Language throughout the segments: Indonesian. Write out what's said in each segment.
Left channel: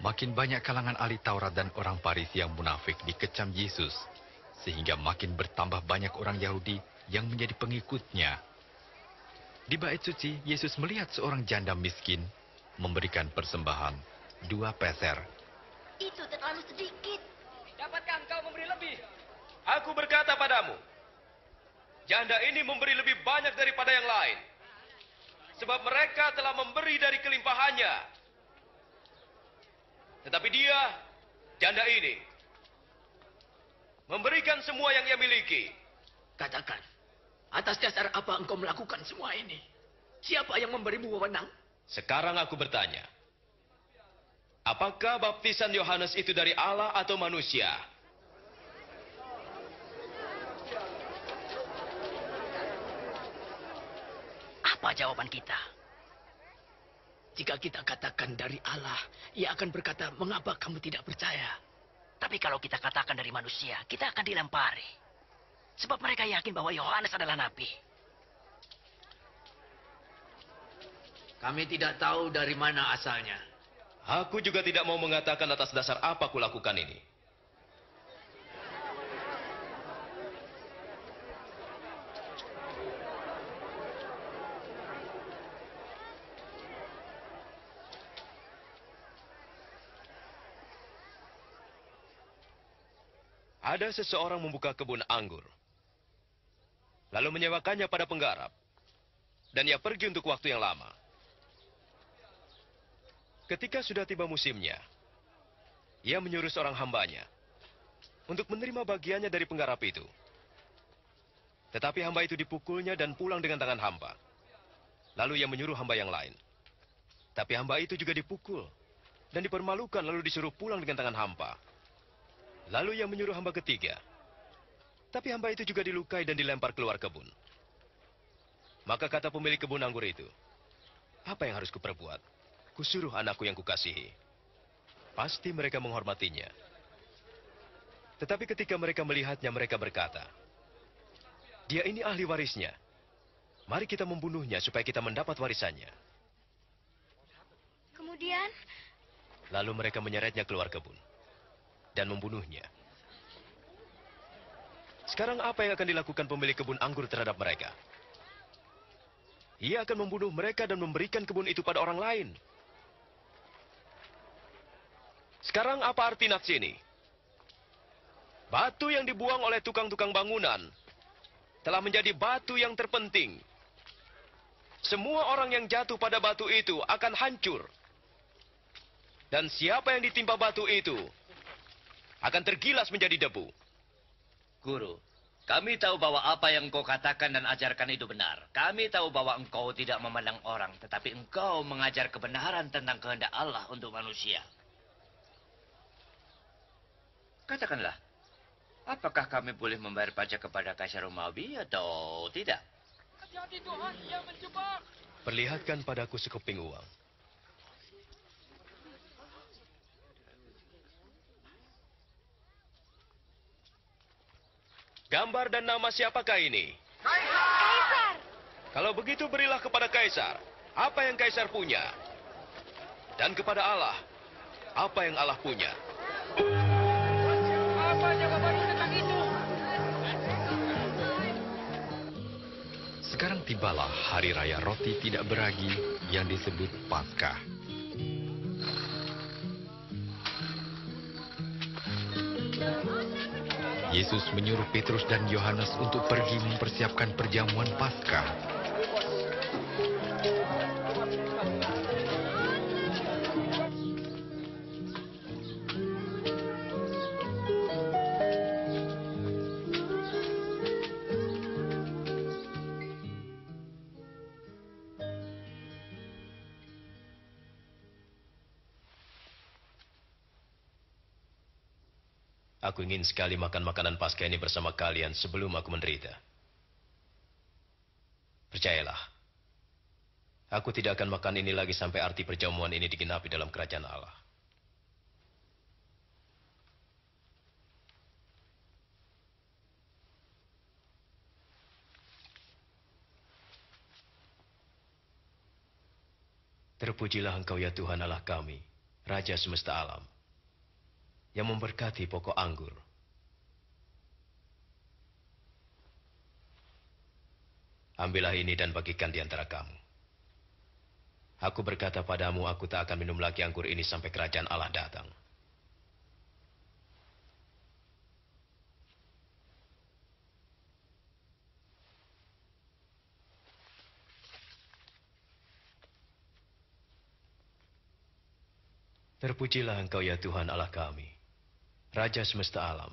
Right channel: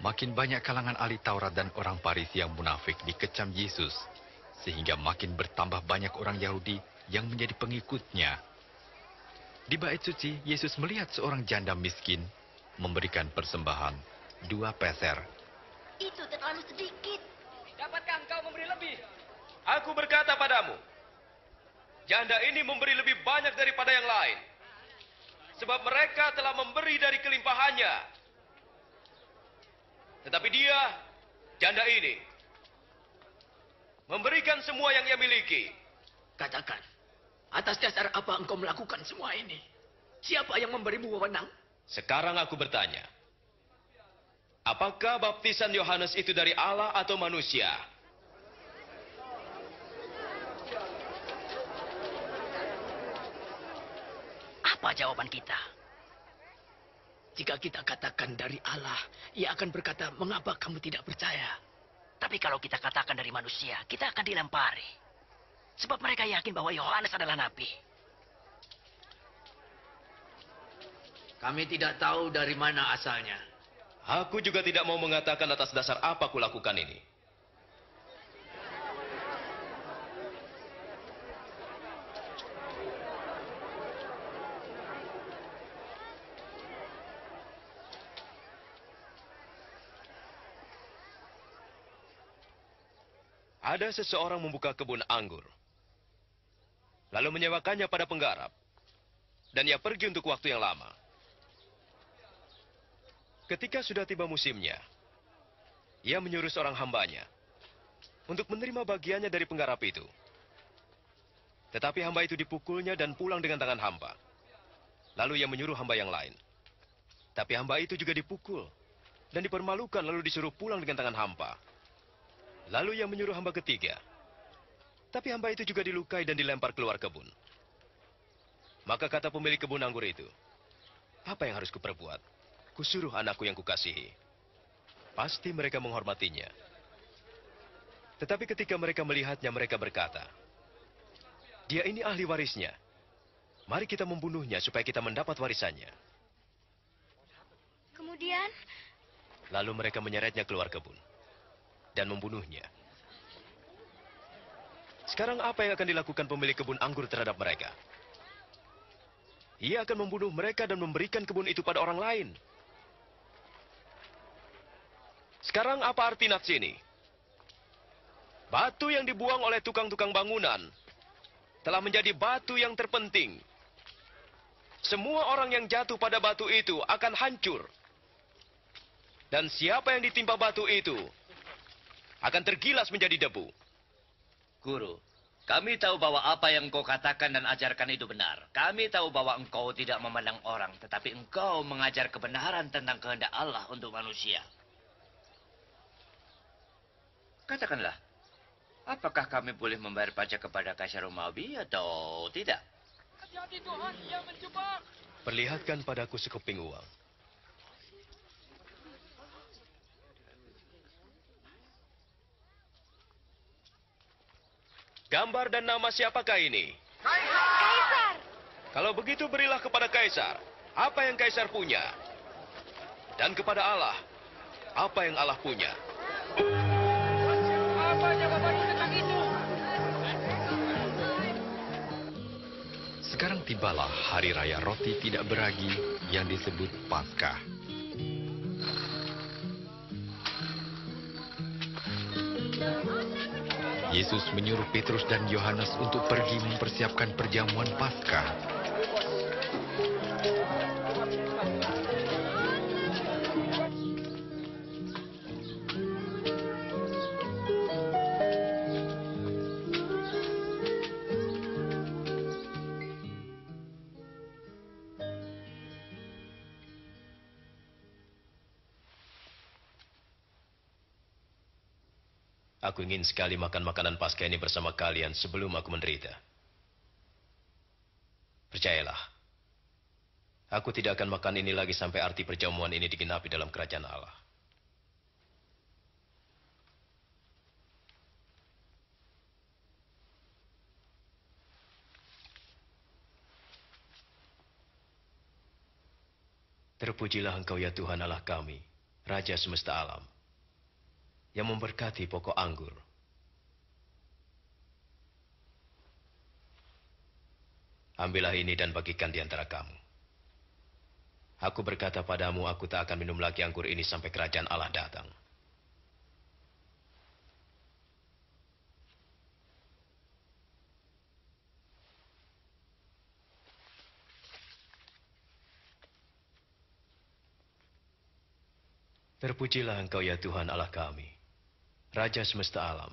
Makin banyak kalangan ahli Taurat dan orang Farisi yang munafik dikecam Yesus, sehingga makin bertambah banyak orang Yahudi yang menjadi pengikutnya. Di bait suci, Yesus melihat seorang janda miskin memberikan persembahan 2 peser. Itu terlalu sedikit. Dapatkah engkau memberi lebih? Aku berkata padamu, janda ini memberi lebih banyak daripada yang lain. Sebab mereka telah memberi dari kelimpahannya. Tetapi dia, janda ini, memberikan semua yang ia miliki. Katakan, atas dasar apa engkau melakukan semua ini? Siapa yang memberimu wewenang? Sekarang aku bertanya, apakah baptisan Yohanes itu dari Allah atau manusia? Apa jawaban kita? Jika kita katakan dari Allah, ia akan berkata, mengapa kamu tidak percaya? Tapi kalau kita katakan dari manusia, kita akan dilempari. Sebab mereka yakin bahwa Yohanes adalah nabi. Kami tidak tahu dari mana asalnya. Aku juga tidak mau mengatakan atas dasar apa kulakukan ini. Ada seseorang membuka kebun anggur, lalu menyewakannya pada penggarap, dan ia pergi untuk waktu yang lama. Ketika sudah tiba musimnya, ia menyuruh seorang hambanya untuk menerima bagiannya dari penggarap itu. Tetapi hamba itu dipukulnya dan pulang dengan tangan hampa. Lalu ia menyuruh hamba yang lain. Tapi hamba itu juga dipukul dan dipermalukan lalu disuruh pulang dengan tangan hampa. Lalu ia menyuruh hamba ketiga. Tapi hamba itu juga dilukai dan dilempar keluar kebun. Maka kata pemilik kebun anggur itu, apa yang harus kuperbuat? Kusuruh anakku yang kukasihi. Pasti mereka menghormatinya. Tetapi ketika mereka melihatnya, mereka berkata, dia ini ahli warisnya. Mari kita membunuhnya supaya kita mendapat warisannya. Kemudian? Lalu mereka menyeretnya keluar kebun dan membunuhnya. Sekarang apa yang akan dilakukan pemilik kebun anggur terhadap mereka? Ia akan membunuh mereka dan memberikan kebun itu pada orang lain. Sekarang apa arti nats ini? Batu yang dibuang oleh tukang-tukang bangunan telah menjadi batu yang terpenting. Semua orang yang jatuh pada batu itu akan hancur. Dan siapa yang ditimpa batu itu akan tergilas menjadi debu. Guru, kami tahu bahwa apa yang engkau katakan dan ajarkan itu benar. Kami tahu bahwa engkau tidak memandang orang, tetapi engkau mengajar kebenaran tentang kehendak Allah untuk manusia. Katakanlah, apakah kami boleh membayar pajak kepada Kaisar Romawi atau tidak? Hati-hati Tuhan, ia menjebak. Perlihatkan padaku sekeping uang. Gambar dan nama siapakah ini? Kaisar! Kalau begitu berilah kepada Kaisar apa yang Kaisar punya. Dan kepada Allah apa yang Allah punya. Apa jawabanmu tentang itu? Sekarang tibalah hari raya roti tidak beragi yang disebut Paskah. Yesus menyuruh Petrus dan Yohanes untuk pergi mempersiapkan perjamuan Paskah. Aku ingin sekali makan makanan Paskah ini bersama kalian sebelum aku menderita. Percayalah, aku tidak akan makan ini lagi sampai arti perjamuan ini digenapi dalam kerajaan Allah. Terpujilah Engkau ya Tuhan Allah kami, Raja semesta alam, yang memberkati pokok anggur. Ambillah ini dan bagikan di antara kamu. Aku berkata padamu, aku tak akan minum lagi anggur ini sampai kerajaan Allah datang. Terpujilah Engkau ya Tuhan Allah kami, Raja semesta alam,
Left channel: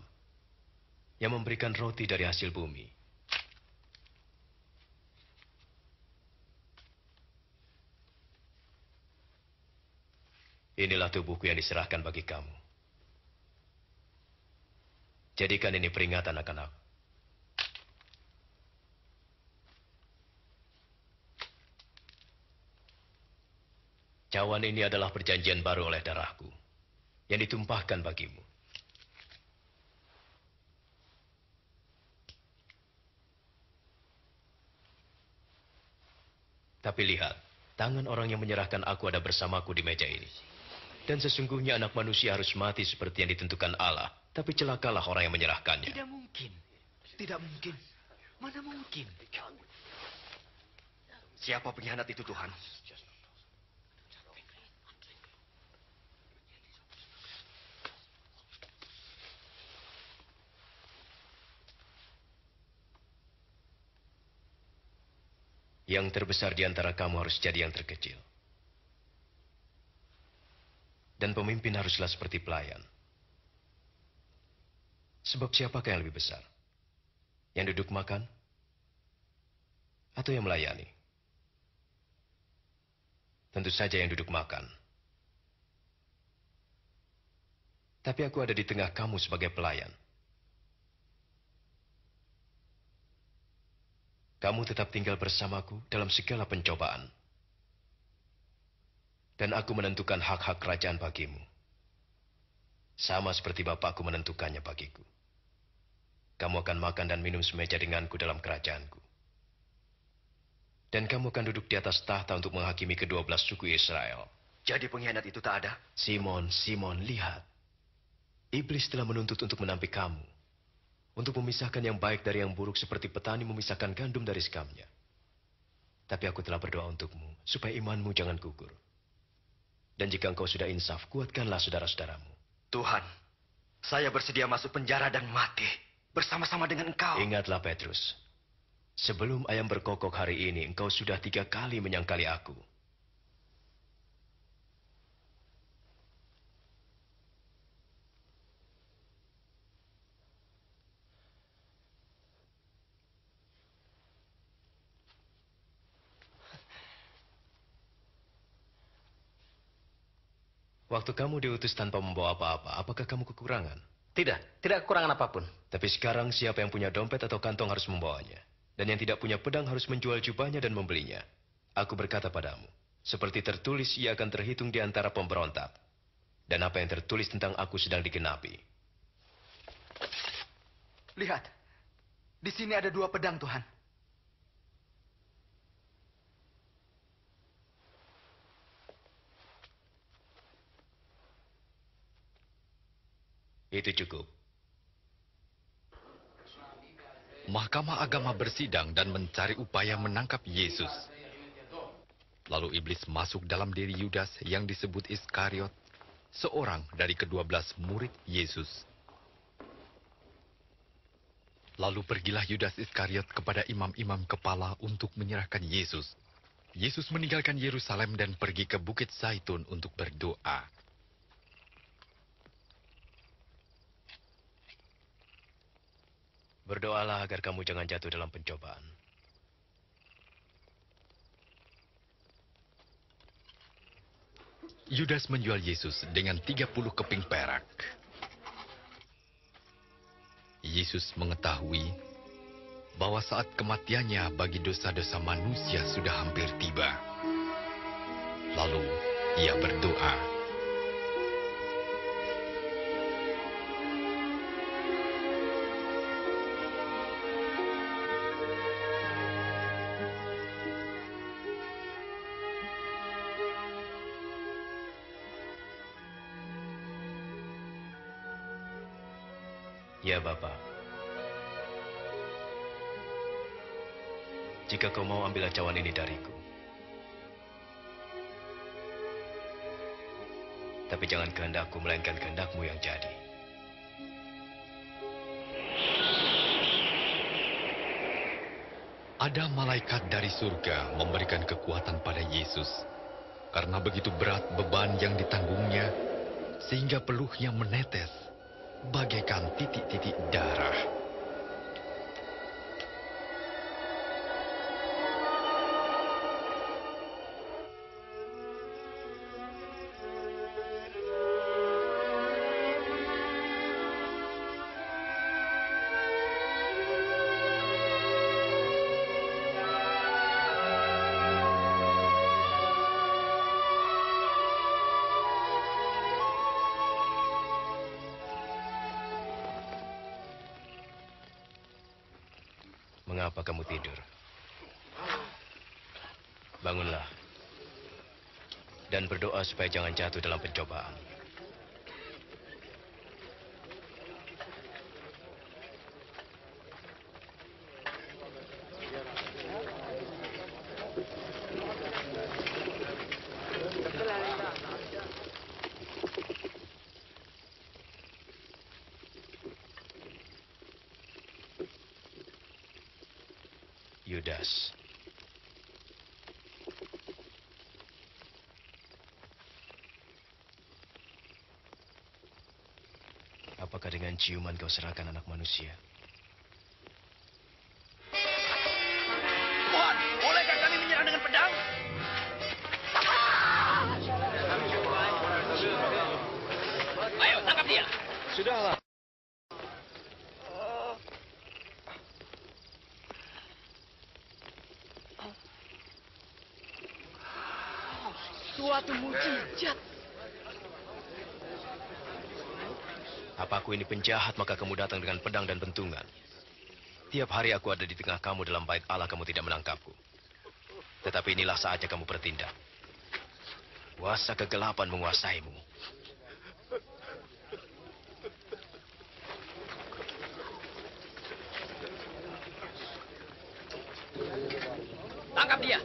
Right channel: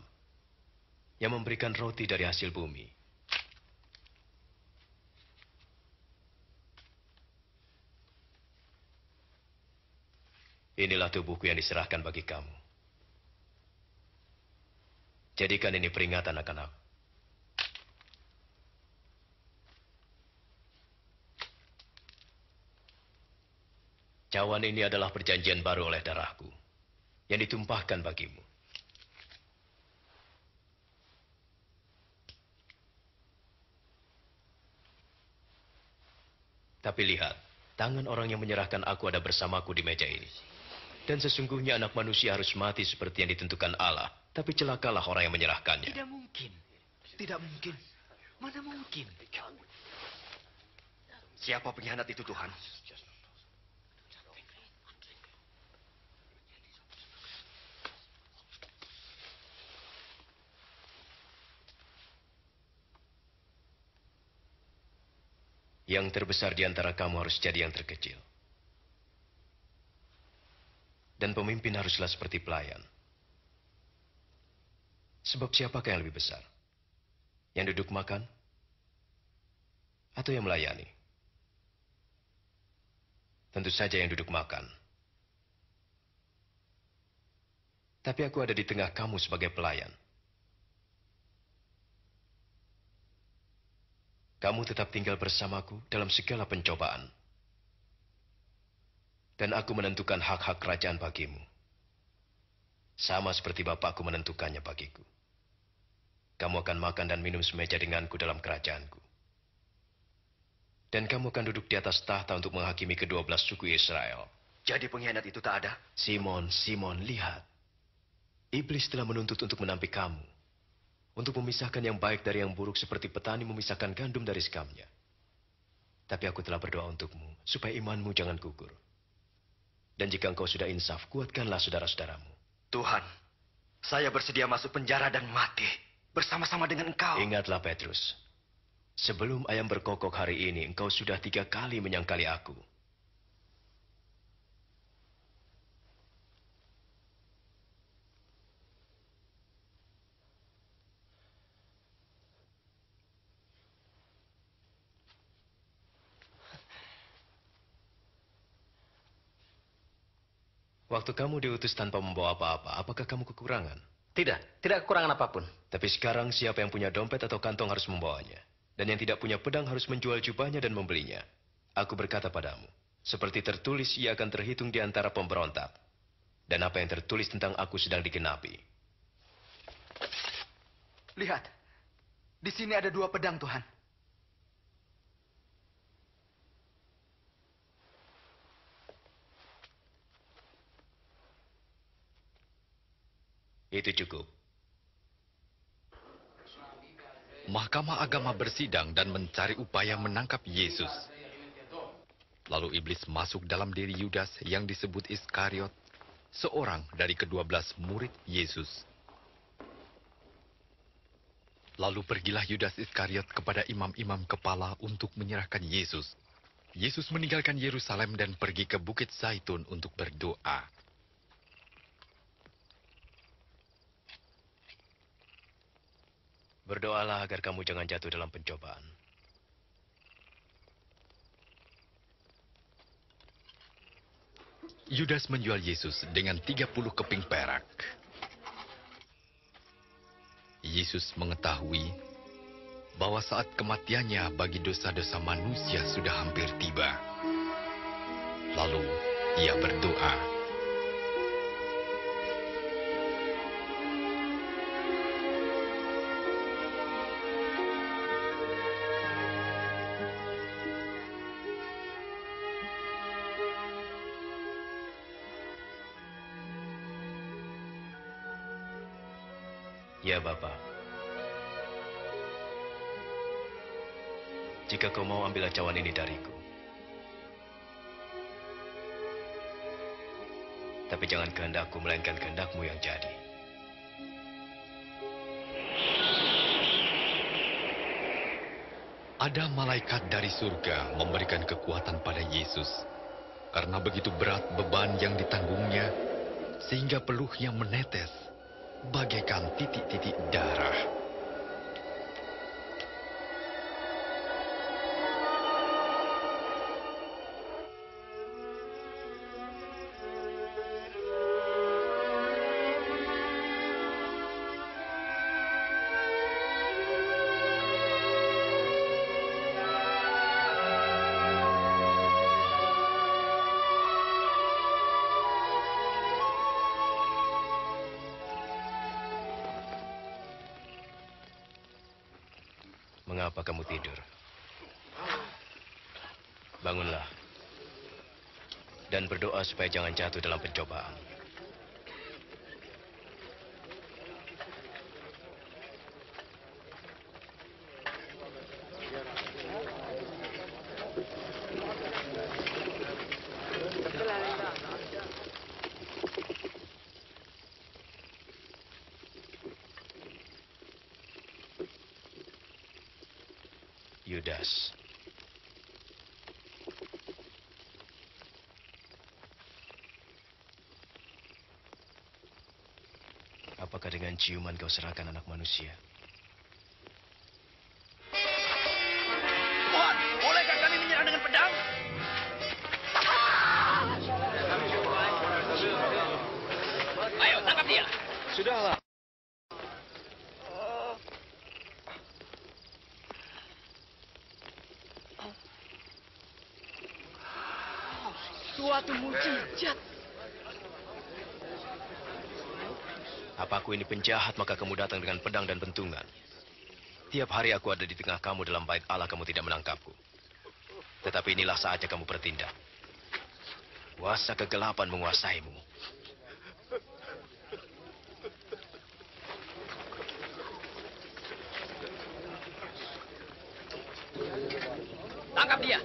yang memberikan roti dari hasil bumi. Inilah tubuhku yang diserahkan bagi kamu. Jadikan ini peringatan akan aku. Cawan ini adalah perjanjian baru oleh darahku, yang ditumpahkan bagimu. Tapi lihat, tangan orang yang menyerahkan aku ada bersamaku di meja ini. Dan sesungguhnya anak manusia harus mati seperti yang ditentukan Allah. Tapi celakalah orang yang menyerahkannya. Tidak mungkin. Tidak mungkin. Mana mungkin? Siapa pengkhianat itu, Tuhan? Yang terbesar di antara kamu harus jadi yang terkecil. Dan pemimpin haruslah seperti pelayan. Sebab siapakah yang lebih besar? Yang duduk makan? Atau yang melayani? Tentu saja yang duduk makan. Tapi aku ada di tengah kamu sebagai pelayan. Kamu tetap tinggal bersamaku dalam segala pencobaan. Dan aku menentukan hak-hak kerajaan bagimu. Sama seperti Bapakku menentukannya bagiku. Kamu akan makan dan minum semeja denganku dalam kerajaanku. Dan kamu akan duduk di atas tahta untuk menghakimi ke-12 suku Israel. Jadi pengkhianat itu tak ada? Simon, Simon, lihat. Iblis telah menuntut untuk menampik kamu. Untuk memisahkan yang baik dari yang buruk seperti petani memisahkan gandum dari sekamnya. Tapi aku telah berdoa untukmu, supaya imanmu jangan gugur. Dan jika engkau sudah insaf, kuatkanlah saudara-saudaramu. Tuhan, saya bersedia masuk penjara dan mati bersama-sama dengan Engkau. Ingatlah Petrus, sebelum ayam berkokok hari ini, engkau sudah 3 kali menyangkali aku. Waktu kamu diutus tanpa membawa apa-apa, apakah kamu kekurangan? Tidak kekurangan apapun. Tapi sekarang siapa yang punya dompet atau kantong harus membawanya. Dan yang tidak punya pedang harus menjual jubahnya dan membelinya. Aku berkata padamu, seperti tertulis ia akan terhitung di antara pemberontak. Dan apa yang tertulis tentang aku sedang digenapi. Lihat, di sini ada 2 pedang, Tuhan. Itu cukup. Mahkamah agama bersidang dan mencari upaya menangkap Yesus. Lalu iblis masuk dalam diri Yudas yang disebut Iskariot, seorang dari ke-12 murid Yesus. Lalu pergilah Yudas Iskariot kepada imam-imam kepala untuk menyerahkan Yesus. Yesus meninggalkan Yerusalem dan pergi ke Bukit Zaitun untuk berdoa. Berdoalah agar kamu jangan jatuh dalam pencobaan. Yudas menjual Yesus dengan 30 keping perak. Yesus mengetahui bahwa saat kematiannya bagi dosa-dosa manusia sudah hampir tiba. Lalu ia berdoa. Ya, Bapa. Jika kau mau ambil cawan ini dariku. Tapi jangan kehendakku, melainkan kehendakmu yang jadi. Ada malaikat dari surga memberikan kekuatan pada Yesus. Karena begitu berat beban yang ditanggungnya, sehingga peluhnya menetes bagaikan titik-titik darah. Mengapa kamu tidur? Bangunlah. Dan berdoa supaya jangan jatuh dalam pencobaan. Yudas. Apakah dengan ciuman kau serahkan anak manusia? Tuhan, bolehkah kami menyerang dengan pedang? Ayo, tangkap dia. Sudahlah. Suatu mukjizat. Apa aku ini penjahat, maka kamu datang dengan pedang dan bentungan. Tiap hari aku ada di tengah kamu dalam bait Allah, kamu tidak menangkapku. Tetapi inilah saatnya kamu bertindak. Kuasa kegelapan menguasaimu. Tangkap dia.